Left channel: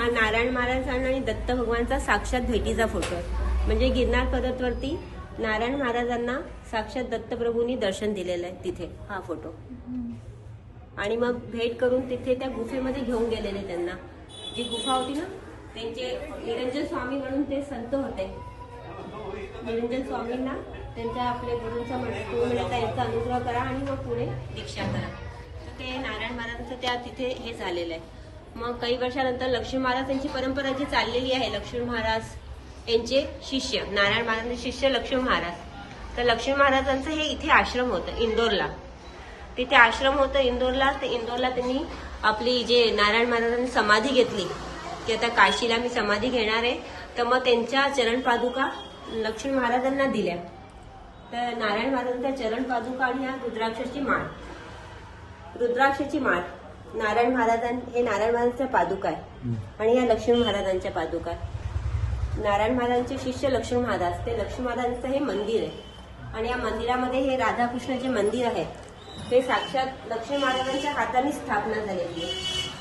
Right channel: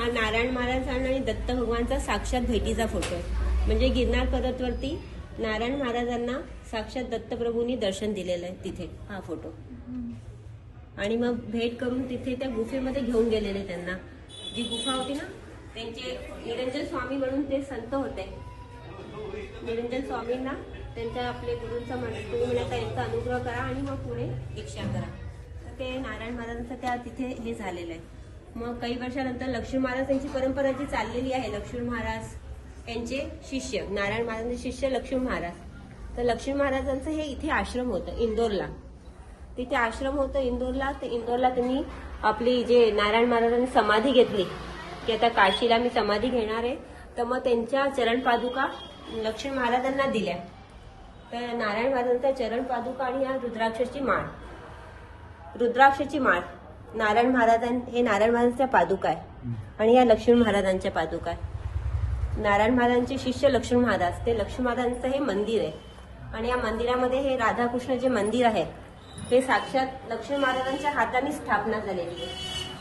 हा नारायण महाराजांना आणि दत्त भगवानचा साक्षात भेटीचा फोटो आहे. म्हणजे गिरनार पर्वतवरती नारायण महाराजांना साक्षात दत्तप्रभूंनी दर्शन दिलेलं आहे तिथे हा फोटो. आणि मग भेट करून तिथे त्या गुफेमध्ये घेऊन गेलेले त्यांना. जी गुफा होती ना त्यांचे निरंजन स्वामी म्हणून ते संत होते. निरंजन स्वामींना त्यांच्या आपल्या गुरूंचा याचा अनुग्रह करा आणि मग पुढे दीक्षा करा. तर ते नारायण महाराजांचं त्या तिथे हे झालेलं आहे. मग काही वर्षानंतर लक्ष्मी महाराज यांची परंपरा जी चाललेली आहे, लक्ष्मी महाराज यांचे शिष्य, नारायण महाराजांचे शिष्य लक्ष्मी महाराज. तर लक्ष्मी महाराजांचं हे इथे आश्रम होतं इंदोरला. तिथे आश्रम होतं इंदोरला. तर इंदोरला त्यांनी आपली जे नारायण महाराजांनी समाधी घेतली की आता काशीला मी समाधी घेणार आहे, तर मग त्यांच्या चरण पादुका लक्ष्मी महाराजांना दिल्या. तर नारायण महाराजांच्या चरण पादुका आणि या रुद्राक्षाची माळ नारायण महाराजांच्या पादुका आहे आणि या लक्ष्मी महाराजांच्या पादुका आहे. नारायण महाराजांचे शिष्य लक्ष्मी महाराज, ते लक्ष्मी महाराजांचं हे मंदिर आहे. आणि या मंदिरामध्ये हे राधाकृष्ण जे मंदिर आहे ते साक्षात लक्ष्मी महाराजांच्या हाताने स्थापना झालेली आहे.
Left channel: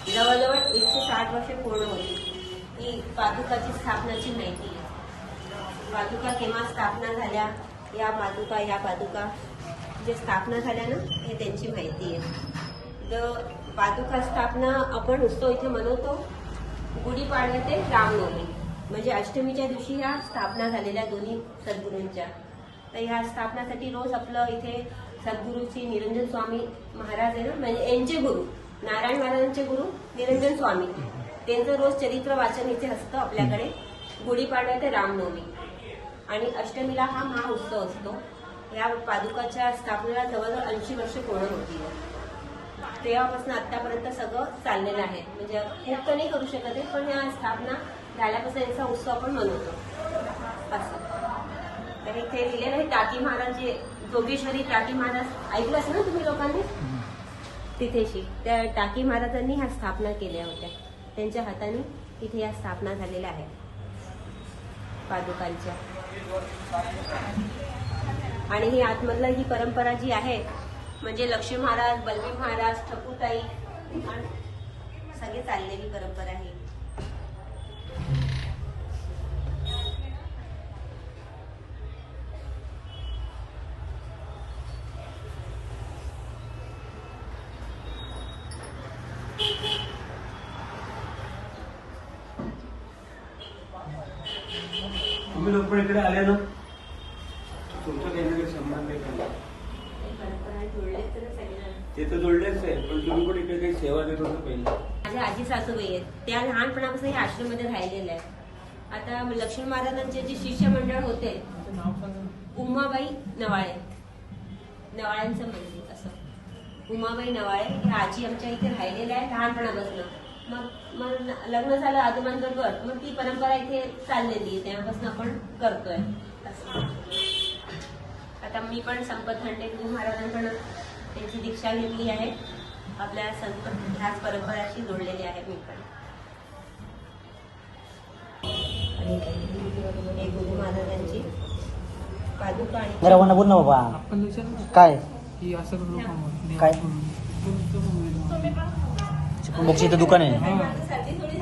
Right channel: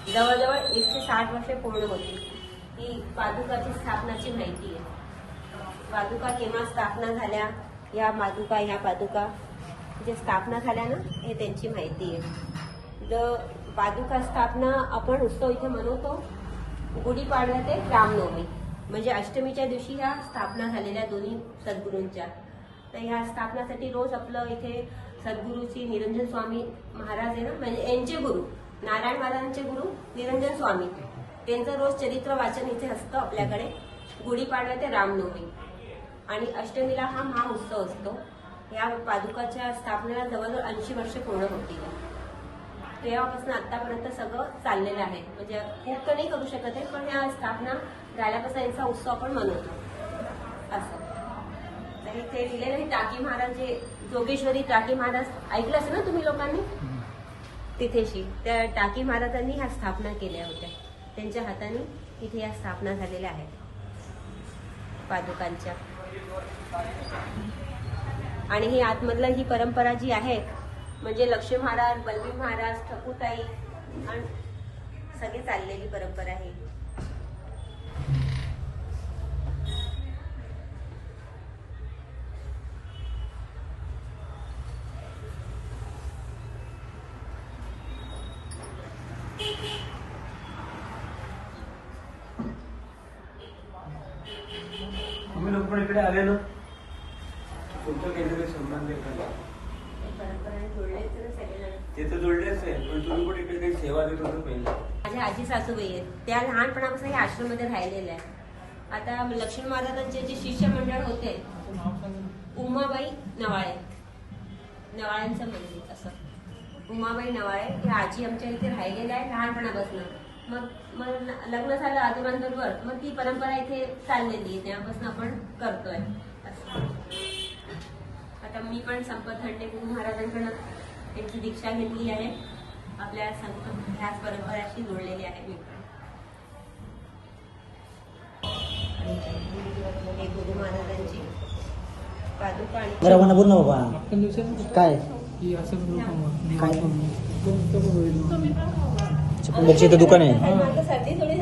जवळजवळ 160 वर्षे पूर्ण होती. ही पादुकाची स्थापनाची माहिती आहे. पादुका केव्हा स्थापना झाल्या, या पादुका जे स्थापना झाल्या ना, हे त्यांची माहिती आहे. जो पादुका स्थापना आपण उत्सव इथे मनवतो गुढीपाडवा ते रामनवमी, म्हणजे अष्टमीच्या दिवशी ह्या स्थापना झालेल्या दोन्ही सद्गुरूंच्या. तर ह्या स्थापनासाठी रोज आपलं इथे सद्गुरूची निरंजन स्वामी महाराज आहे ना, म्हणजे यांचे गुरु नारायण महाराजांचे गुरु निरंजन स्वामी, त्यांचं रोज चरित्र वाचन इथे असतं आपल्याकडे गुढीपाडवा ते रामनवमी. आणि अष्टमीला हा महाउत्सव असतो. या पादुकाच्या स्थापनेला जवळजवळ 80 वर्ष पूर्ण होती. तेव्हापासून आतापर्यंत सगळं चाललेलं आहे. म्हणजे खूप तर नाही करू शकत आहे, पण या स्थापना झाल्यापासून यांचा उत्सव आपण मनवतो असं. तर इथे लिहिलेलं आहे टाकी महाराज, जे जोगेश्वरी टाकी महाराज ऐकलंच ना तुम्ही लोकांनी, तिथेशी त्या टाकी महाराजांनी ह्या स्थापना केल्या होत्या. त्यांच्या हाताने इथे या स्थापना झालेल्या आहेत पादुकांच्या. आणि ही आतमधलं ही परंपरा जी आहे म्हणजे लक्ष्मी महाराज, बलवी महाराज, ठकूताई सगळी चाललेली परंपरा आहे. तुम्ही लोक पण इकडे आले ना, तुमचा काहीतरी संबंध आहे ते तर जोडलेच आहे, पण तुम्ही पण इकडे काही सेवा देत होता पहिला. माझ्या आजी सासूबाई आहेत, त्या लहानपणापासून या आश्रममध्ये राहिलेल्या आहेत. आता लक्ष्मी महाराजांचे जे शिष्य मंडळ होते उमाबाई नवाळे, नवाळ्यांचं मंदिर असं उमाबाई नवाळे, ह्या आजी आमच्या इथे राहिलेल्या आहे लहानपणापासून. मग लग्न झालं आजोबांबरोबर, मग ती परंपरा इथे चाललेली आहे, तेव्हापासून आपण करतोय असं. आता मी पण संपत हंडे गुरु महाराजांकडून त्यांची दीक्षा घेतली आहे. आपल्या संत ह्याच परंपराशी जोडलेली आहे मी पण. गुरु महाराजांची पादुका आणि बोल ना बाबा काय काय चिकन बॉक्सचं इथं दुकान आहे. सर्दी थोडी